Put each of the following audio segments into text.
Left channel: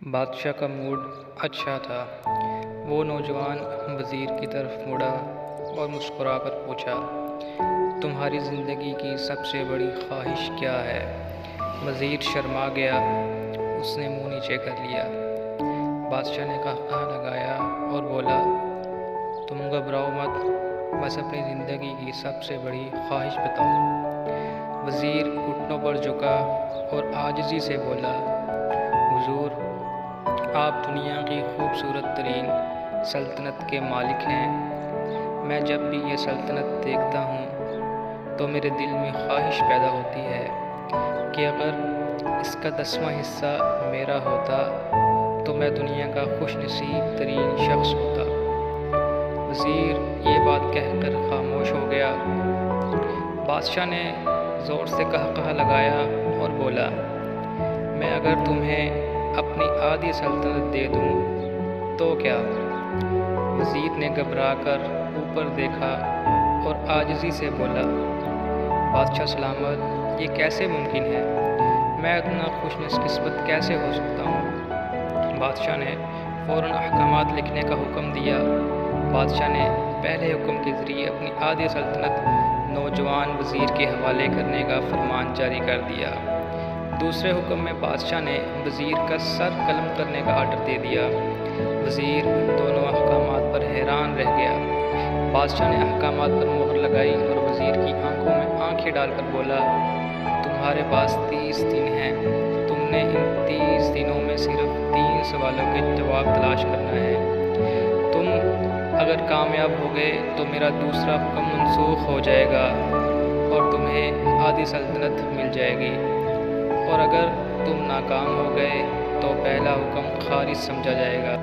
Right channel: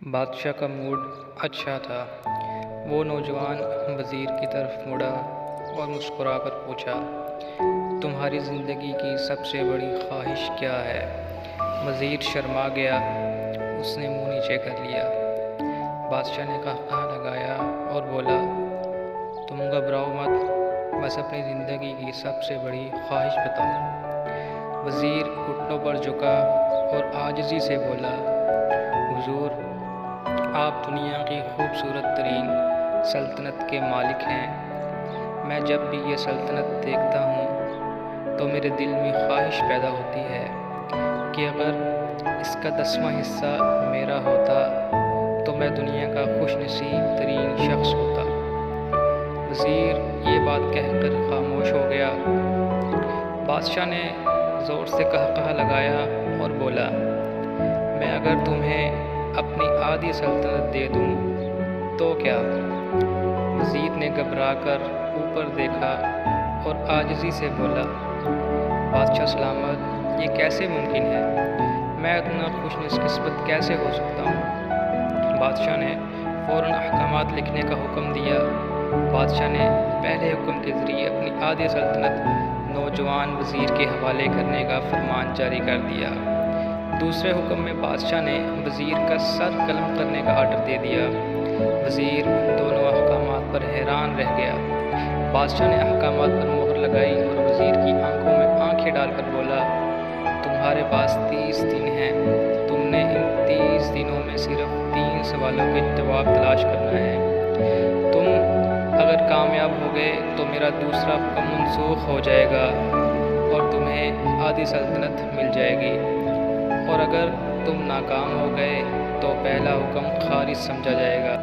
بادشاہ کا موڈ اچھا تھا۔ وہ نوجوان وزیر کی طرف مڑا اور مسکرا کر پوچھا، تمہاری زندگی کی سب سے بڑی خواہش کیا ہے؟ وزیر شرما گیا، اس نے منہ نیچے کر لیا۔ بادشاہ نے قہقہہ لگایا اور بولا، تم گھبراؤ مت، بس اپنی زندگی کی سب سے بڑی خواہش بتاؤ۔ وزیر گھٹنوں پر جھکا اور عاجزی سے بولا، حضور، آپ دنیا کی خوبصورت ترین سلطنت کے مالک ہیں۔ میں جب بھی یہ سلطنت دیکھتا ہوں تو میرے دل میں خواہش پیدا ہوتی ہے کہ اگر اس کا 10واں حصہ میرا ہوتا تو میں دنیا کا خوش نصیب ترین شخص ہوتا۔ وزیر یہ بات کہہ کر خاموش ہو گیا۔ بادشاہ نے زور سے قہقہہ لگایا اور بولا، میں اگر تمہیں اپنی آدھی سلطنت دے دوں تو کیا؟ وزیر نے گھبرا کر اوپر دیکھا اور عاجزی سے بولا، بادشاہ سلامت، یہ کیسے ممکن ہے؟ میں اتنا خوش قسمت کیسے ہو سکتا ہوں؟ بادشاہ نے فوراً احکامات لکھنے کا حکم دیا۔ بادشاہ نے پہلے حکم کے ذریعے اپنی آدھی سلطنت نوجوان وزیر کے حوالے کرنے کا فرمان جاری کر دیا۔ دوسرے حکم میں بادشاہ نے وزیر کا سر قلم کرنے کا آرڈر دے دیا۔ وزیر دونوں احکامات پر حیران رہ گیا۔ بادشاہ نے احکامات پر مہر لگائی اور وزیر کی آنکھوں میں آنکھیں ڈال کر بولا، تمہارے پاس 30 دن ہیں۔ تم نے ان 30 دنوں میں صرف 3 سوالوں کے جواب تلاش کرنا ہے۔ تم اگر کامیاب ہو گئے تو میرا دوسرا حکم منسوخ ہو جائے گا اور تمہیں آدھی سلطنت مل جائے گی، اور اگر تم ناکام ہو گئے تو پہلا حکم خارج سمجھا جائے گا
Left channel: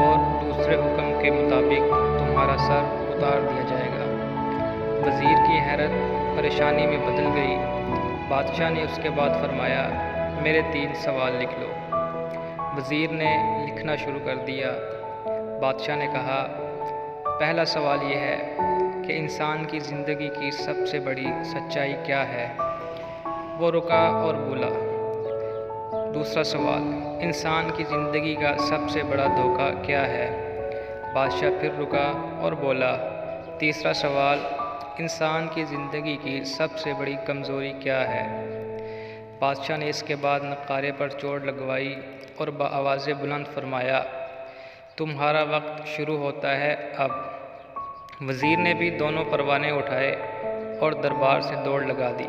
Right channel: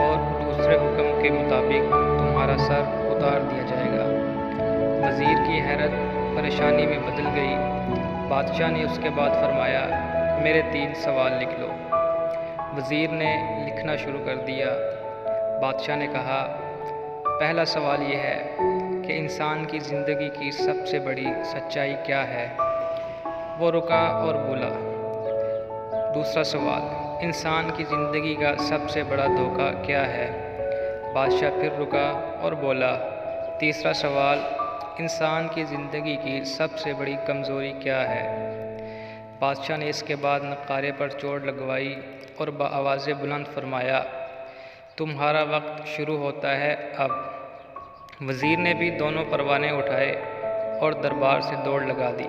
اور دوسرے حکم کے مطابق تمہارا سر اتار دیا جائے گا۔ وزیر کی حیرت پریشانی میں بدل گئی۔ بادشاہ نے اس کے بعد فرمایا، میرے 3 سوال لکھ لو۔ وزیر نے لکھنا شروع کر دیا۔ بادشاہ نے کہا، پہلا سوال یہ ہے کہ انسان کی زندگی کی سب سے بڑی سچائی کیا ہے؟ وہ رکا اور بولا۔ دوسرا سوال، انسان کی زندگی کا سب سے بڑا دھوکہ کیا ہے؟ بادشاہ پھر رکا اور بولا۔ تیسرا سوال، انسان کی زندگی کی سب سے بڑی کمزوری کیا ہے؟ بادشاہ نے اس کے بعد نقارے پر چوٹ لگوائی اور بآواز بلند فرمایا، تمہارا وقت شروع ہوتا ہے اب۔ وزیر نے بھی دونوں پروانے اٹھائے اور دربار سے دوڑ لگا دی۔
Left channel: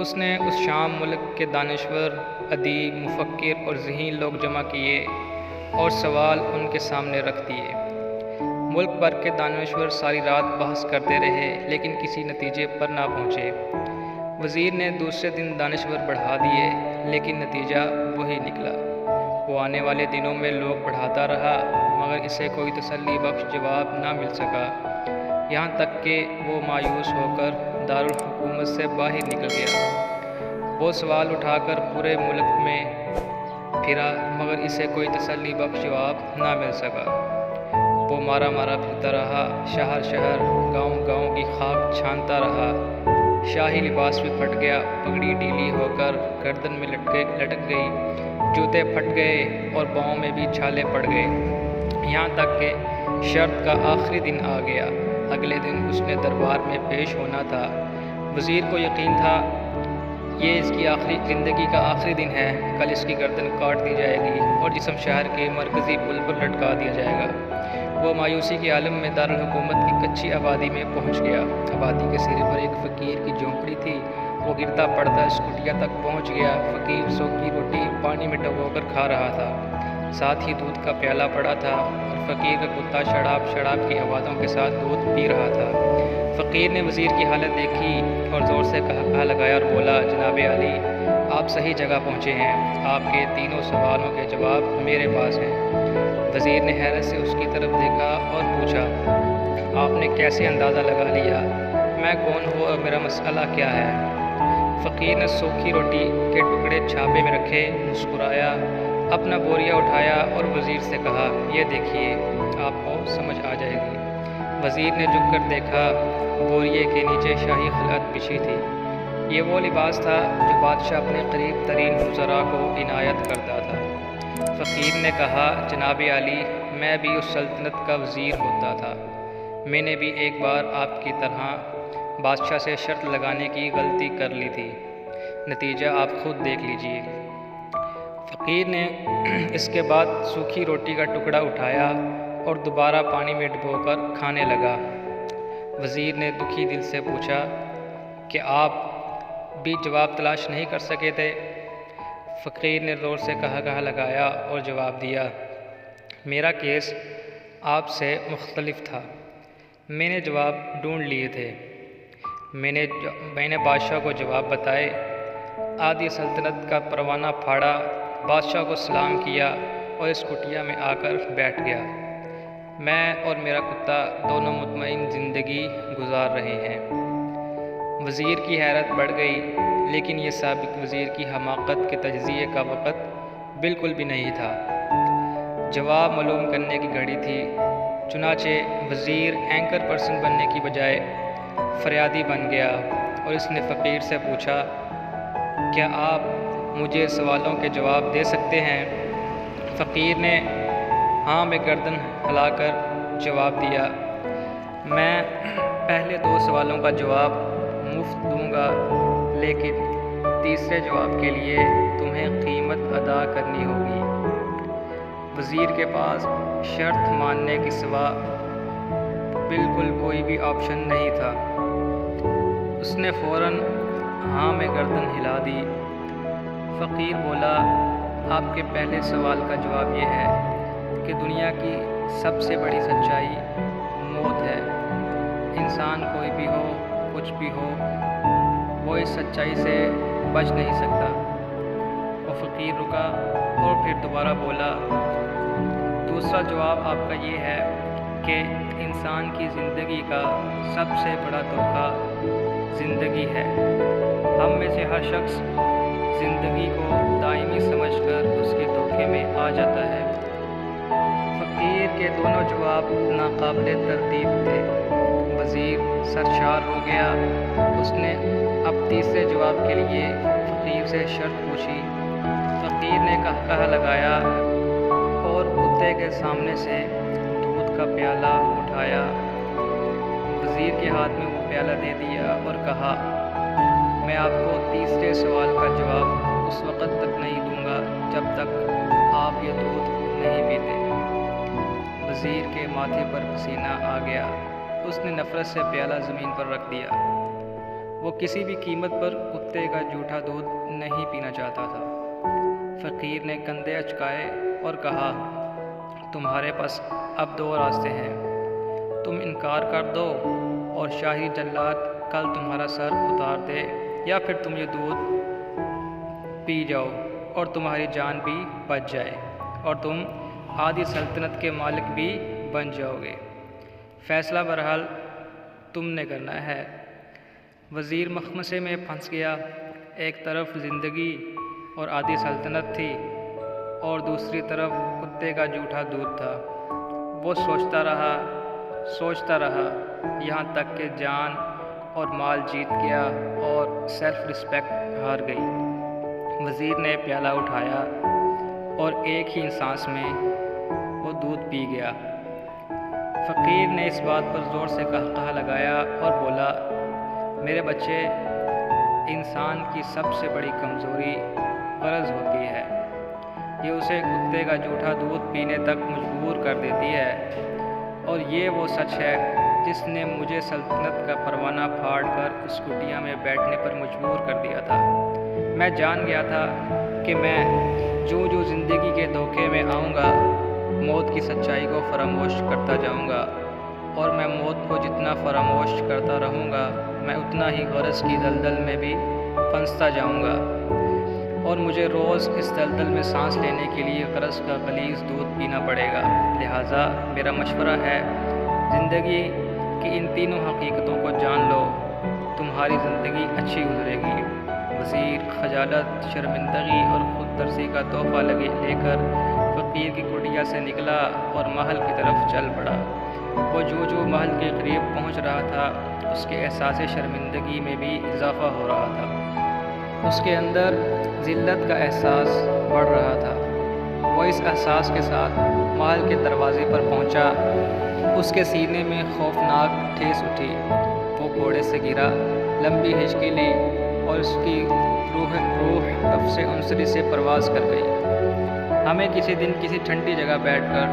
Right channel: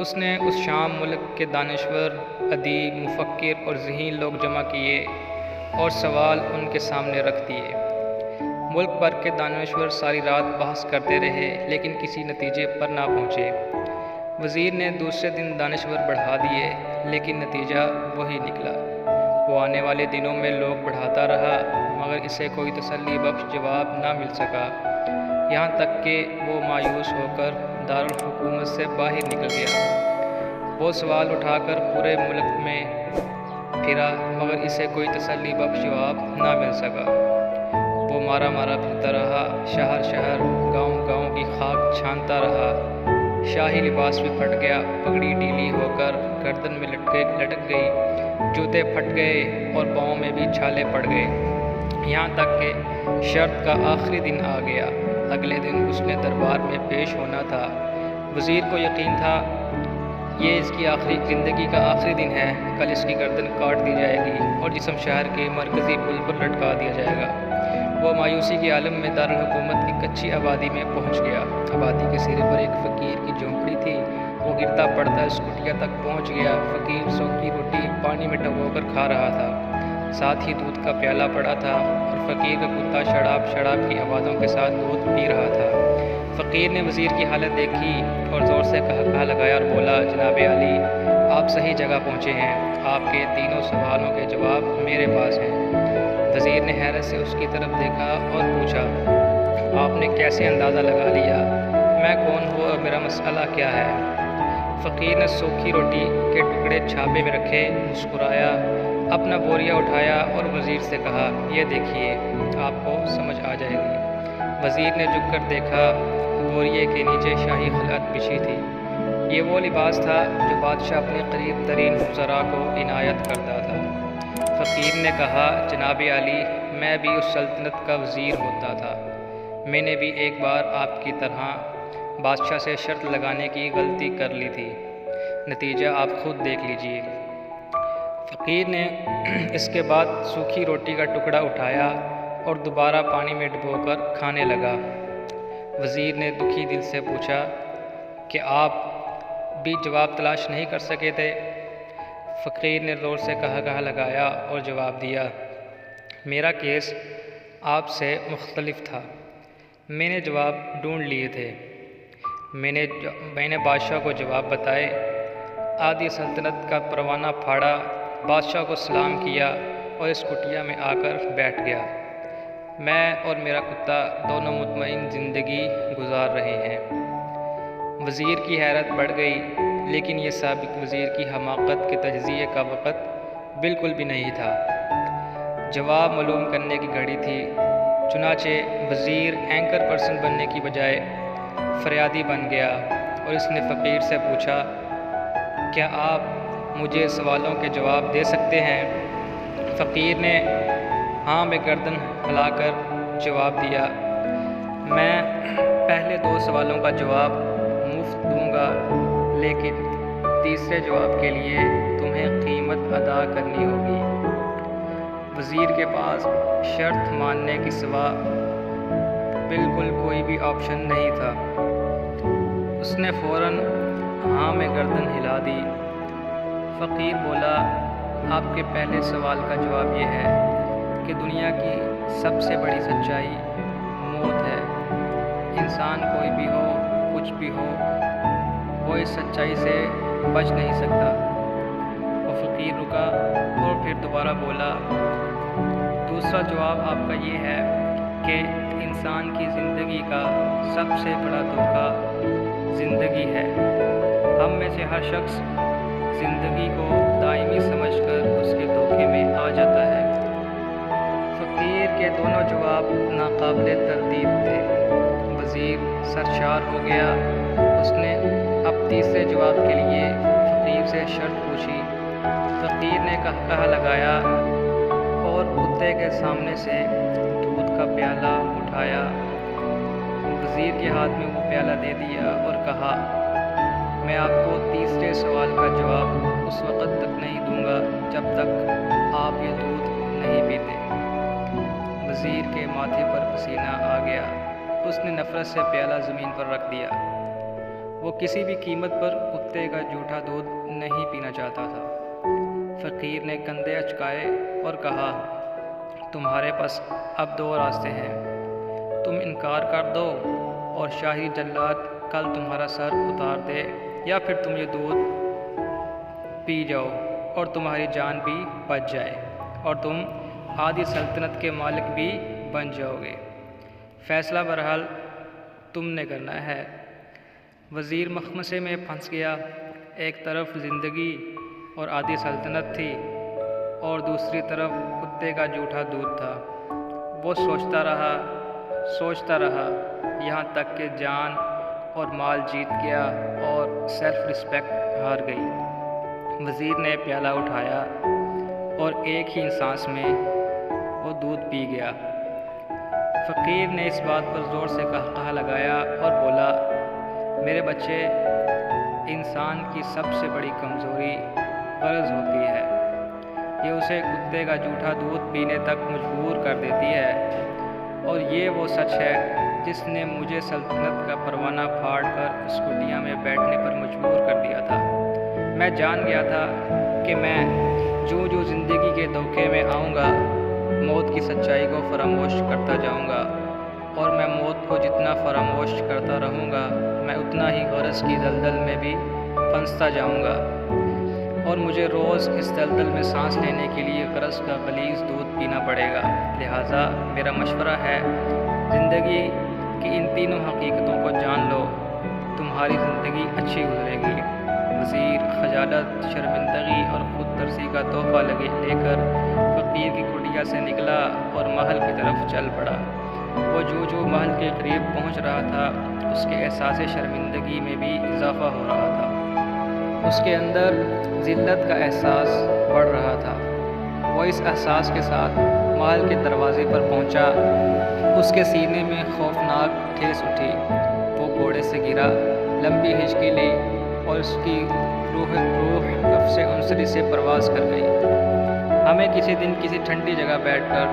اس نے اس شام ملک کے دانشور، ادیب، مفکر اور ذہین لوگ جمع کیے اور سوال ان کے سامنے رکھ دیے۔ ملک بھر کے دانشور ساری رات بحث کرتے رہے لیکن کسی نتیجے پر نہ پہنچے۔ وزیر نے دوسرے دن دانشور بڑھا دیے لیکن نتیجہ وہی نکلا۔ وہ آنے والے دنوں میں لوگ بڑھاتا رہا مگر اسے کوئی تسلی بخش جواب نہ مل سکا، یہاں تک کہ وہ مایوس ہو کر دارالحکومت سے باہر نکل گیا۔ وہ سوال اٹھا کر پورے ملک میں پھرا مگر اسے کوئی تسلی بخش جواب نہ مل سکا۔ وہ مارا مارا پھرتا رہا، شہر شہر، گاؤں گاؤں کی خاک چھانتا رہا۔ شاہی لباس بھی پھٹ گیا، پگڑی ڈھیلی ہو کر گردن میں لٹک گئی، جوتے پھٹ گئے اور پاؤں میں بھی چھالے پڑ گئے، یہاں تک کہ شرط کا آخری دن آ گیا۔ اگلے دن اس نے دربار میں پیش ہونا تھا۔ وزیر کو یقین تھا یہ اس کی زندگی کا آخری دن ہے، کل اس کی گردن کاٹ دی جائے گی اور جسم شہر کے مرکزی پل پر لٹکا دیا جائے گا۔ وہ مایوسی کے عالم میں دارالحکومت کی کچی آبادی میں پہنچ گیا۔ آبادی کے سرے پر ایک فقیر کی جھونپڑی تھی۔ وہ گرتا پڑتا اس کٹیا تک پہنچ گیا۔ فقیر سوکھی روٹی پانی میں ڈبو کر کھا رہا تھا، ساتھ ہی دودھ کا پیالہ پڑا تھا اور فقیر کا کتا شڑاب کی آوازوں کے ساتھ دودھ پی رہا تھا۔ فقیر نے وزیر کی حالت دیکھی اور زور سے قہقہہ لگایا اور بولا، جناب عالی، آپ صحیح جگہ پہنچے ہیں، آپ کے تینوں سوالوں کے جواب میرے پاس ہیں۔ وزیر نے حیرت سے اس کی طرف دیکھا اور پوچھا، آپ نے کیسے اندازہ لگا لیا میں کون ہوں اور میرا مسئلہ کیا ہے؟ فقیر نے سوکھی روٹی کے ٹکڑے چھاپے میں رکھے، مسکرایا، اپنا بوریا اٹھایا اور وزیر سے کہا، یہ دیکھیے، آپ کو سمجھ آ جائے گی۔ وزیر نے جھک کر دیکھا، بوریے کے نیچے شاہی خلعت بچھی تھی۔ یہ وہ لباس تھا جو بادشاہ اپنے قریب ترین وزراء کو عنایت کرتا تھا۔ فقیر نے کہا، جناب عالی، میں بھی اس سلطنت کا وزیر ہوتا تھا۔ میں نے بھی ایک بار آپ کی طرح بادشاہ سے شرط لگانے کی غلطی کر لی تھی، نتیجہ آپ خود دیکھ لیجئے۔ فقیر نے اس کے بعد سوکھی روٹی کا ٹکڑا اٹھایا اور دوبارہ پانی میں ڈبو کر کھانے لگا۔ وزیر نے دکھی دل سے پوچھا کہ آپ بھی جواب تلاش نہیں کر سکے تھے؟ فقیر نے زور سے کہا لگایا اور جواب دیا، میرا کیس آپ سے مختلف تھا، میں نے جواب ڈھونڈ لیے تھے۔ میں نے بادشاہ کو جواب بتائے، آدھی سلطنت کا پروانہ پھاڑا، بادشاہ کو سلام کیا اور اس کٹیا میں آ کر بیٹھ گیا۔ میں اور میرا کتا دونوں مطمئن زندگی گزار رہے ہیں۔ وزیر کی حیرت بڑھ گئی، لیکن یہ سابق وزیر کی حماقت کے تجزیے کا وقت بالکل بھی نہیں تھا۔ جواب معلوم کرنے کی گھڑی تھی، چنانچہ وزیر اینکر پرسن بننے کی بجائے فریادی بن گیا اور اس نے فقیر سے پوچھا، کیا آپ مجھے سوالوں کے جواب دے سکتے ہیں؟ فقیر نے ہاں میں گردن ہلا کر جواب دیا، میں پہلے 2 سوالوں کا جواب مفت دوں گا، لیکن تیسرے جواب کے لیے تمہیں قیمت ادا کرنی ہوگی۔ وزیر کے پاس شرط ماننے کے سوا بالکل کوئی بھی آپشن نہیں تھا۔ اس نے فوراً ہاں میں گردن ہلا دی۔ فقیر بولا، آپ کے پہلے سوال کا جواب یہ ہے کہ دنیا کی سب سے بڑی سچائی موت ہے۔ انسان کوئی بھی ہو، کچھ بھی ہو، وہ اس سچائی سے بچ نہیں سکتا۔ وہ فقیر رکا اور پھر دوبارہ بولا، دوسرا جواب آپ کا یہ ہے کہ انسان کی زندگی کا سب سے بڑا دھوکہ زندگی ہے۔ ہم میں سے ہر شخص زندگی کو دائمی سمجھ کر اس کے دھوکے میں آ جاتا ہے۔ فقیر کے دونوں جواب ناقابل تردید تھے۔ وزیر سرشار ہو گیا۔ اس نے اب تیسرے جواب کے لیے فقیر سے شرط پوچھی۔ فقیر نے کہا لگایا اور کتے کے سامنے سے دودھ کا پیالہ اٹھایا۔ وزیر کے ہاتھ میں وہ پیالہ دے دیا اور کہا، میں آپ کو تیسرے سوال کا جواب اس وقت تک نہیں دوں گا جب تک آپ یہ دودھ نہیں پیتے۔ وزیر کے ماتھے پر پسینہ آ گیا۔ اس نے نفرت سے پیالہ زمین پر رکھ دیا۔ وہ کسی بھی قیمت پر کتے کا جھوٹا دودھ نہیں پینا چاہتا تھا۔ فقیر نے کندھے اچکائے اور کہا، تمہارے پاس اب 2 راستے ہیں، تم انکار کر دو اور شاہی جلاد کل تمہارا سر اتار دے، یا پھر تم یہ دودھ پی جاؤ اور تمہاری جان بھی بچ جائے اور تم آدھی سلطنت کے مالک بھی بن جاؤ گے۔ فیصلہ بہرحال تم نے کرنا ہے۔ وزیر مخمصے میں پھنس گیا۔ ایک طرف زندگی اور آدھی سلطنت تھی اور دوسری طرف کتے کا جھوٹا دودھ تھا۔ وہ سوچتا رہا یہاں تک کہ جان اور مال جیت گیا اور سیلف رسپیکٹ ہار گئی۔ وزیر نے پیالہ اٹھایا اور ایک ہی سانس میں وہ دودھ پی گیا۔ فقیر نے اس بات پر زور سے کہا لگایا اور بولا، میرے بچے، انسان کی سب سے بڑی کمزوری غرض ہوتی ہے۔ یہ اسے کتے کا جھوٹا دودھ پینے تک مجبور کر دیتی ہے، اور یہ وہ سچ ہے جس نے مجھے سلطنت کا پروانہ پھاڑ کر اس کٹیا میں بیٹھنے پر مجبور کر دیا تھا۔ میں جان گیا تھا کہ میں جو زندگی کے دھوکے میں آؤں گا، موت کی سچائی کو فراموش کرتا جاؤں گا، اور میں موت کو جتنا فراموش کرتا رہوں گا، میں اتنا ہی غرض کی دلدل میں بھی پھنستا جاؤں گا، اور مجھے روز اس دلدل میں سانس لینے کے لیے غرض کا غلیظ دودھ پینا پڑے گا۔ لہٰذا میرا مشورہ ہے، زندگی کی ان تینوں حقیقتوں کو جان لو، تمہاری زندگی اچھی گزرے گی۔ وزیر خجالت، شرمندگی اور خود ترسی کا تحفہ لے کر فقیر کی کٹیا سے نکلا اور محل کی طرف چل پڑا۔ وہ جو محل کے قریب پہنچ رہا تھا، اس کے احساس شرمندگی میں بھی اضافہ ہو رہا تھا۔ اس کے اندر ذلت کا احساس بڑھ رہا تھا۔ وہ وہ اس احساس کے ساتھ محل کے دروازے پر پہنچا۔ اس کے سینے میں خوفناک ٹھیس اٹھی۔ وہ گھوڑے سے گرا، لمبی ہچکی لی اور اس کی روح قفس عنصری سے پرواز کر گئی۔ ہمیں کسی دن کسی ٹھنڈی جگہ بیٹھ کر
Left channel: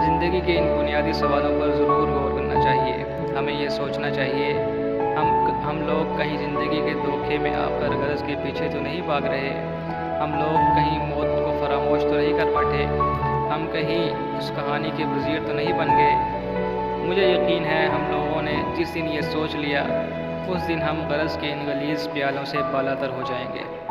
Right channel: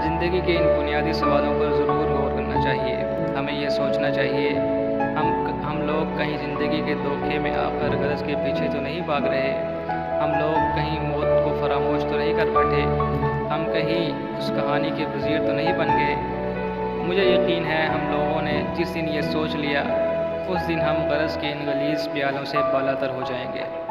زندگی کے ان بنیادی سوالوں پر ضرور غور کرنا چاہیے۔ ہمیں یہ سوچنا چاہیے، ہم لوگ کہیں زندگی کے دھوکے میں آ کر غرض کے پیچھے تو نہیں بھاگ رہے؟ ہم لوگ کہیں موت کو فراموش تو نہیں کر بیٹھے؟ ہم کہیں اس کہانی کے وزیر تو نہیں بن گئے؟ مجھے یقین ہے ہم لوگوں نے جس دن یہ سوچ لیا، اس دن ہم غرض کے ان غلیظ پیالوں سے بالاتر ہو جائیں گے۔